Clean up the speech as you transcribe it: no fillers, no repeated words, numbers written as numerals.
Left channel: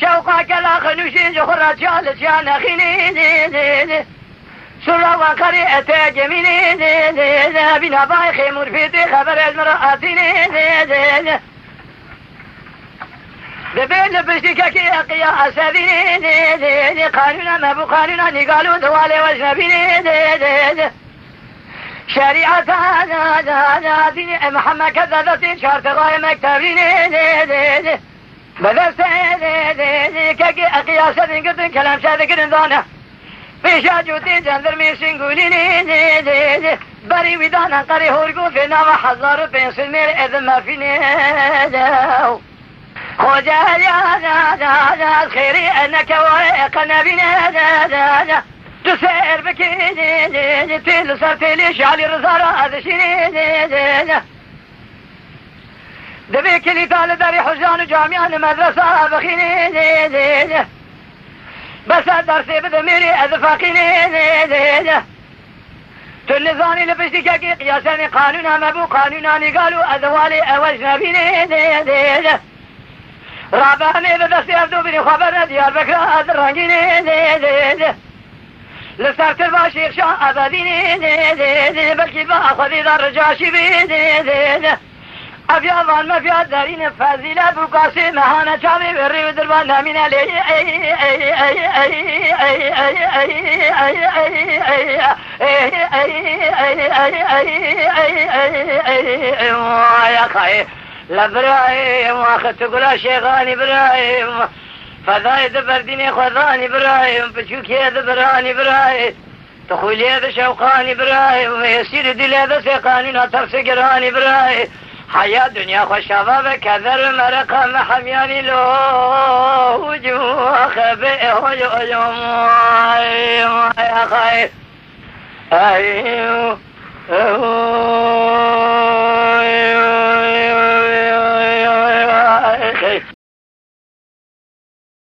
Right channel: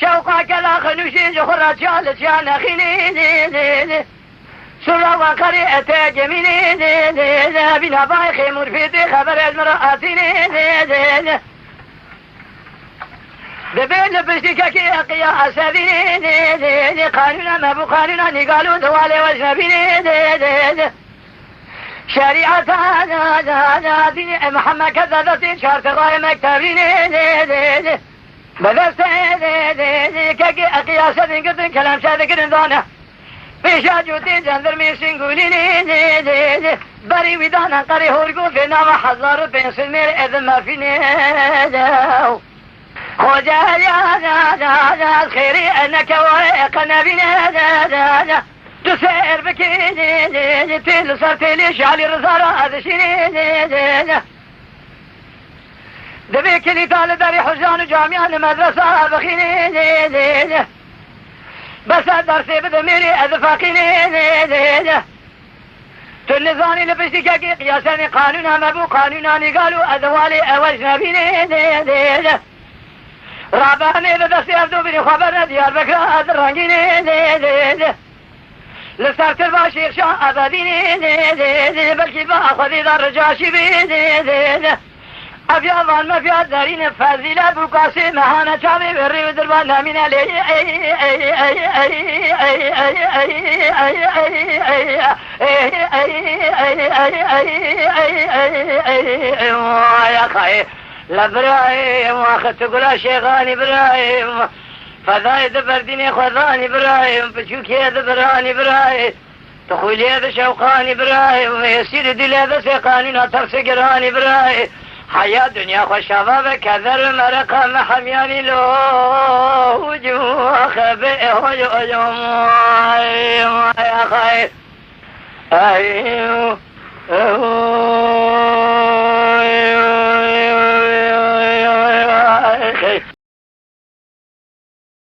شوقك الأخ نشيج خرج جالس يا نخيني سرى وقريئة جميلي بنا بايخي مرفيدي خبر المرأتيني دبين بشتكك يا أسابيني قانونا ما بقانونا نقالوا دوالي وجنبيني شريعة هذا محمد كذبتين شارت غاية مكتبيني بدرسة كي أقياسة قدن كلام سادة قدن دانا بيشاجو تنزل درمي سنقوليني بري ودانا قري هورقو في نام حضار بين سنير إذن ما في نيداو خوجا يا خيري أنك واقنا بنا تسير بكيني تل سرتلي شعلي رزارة ذشيني دبيك اللي طالب داري حجان جامعان مدرسة بخيني بس درسي بدميري أذفاقيني تلزاني لبسيكا قياساني قانونا مبو قانوناني قالوا أذوالي أوجنبيني رابعني بس يفدو بني خبرنا ديار بكرة الرنجيني لسرت الباشير شاء أبديني بلكي بأخذي در جاشي بيني أبيضان ما في الدارين فازيلا بقاسي مهانا شامي بري ودربانا من علي يا خاي لابراهيم واخذت قلا شيخان ابراهيم فذاي دبردني خذان ابراهيم بشوكي دبران ابراهيم تخولي بشوقان ابراهيم يسير دلي بسيقاني نتر سقران ابراهيم حياة دنيا خوشابة كذر مرقة محمياني لو وجوه خبئه يوم يا خاي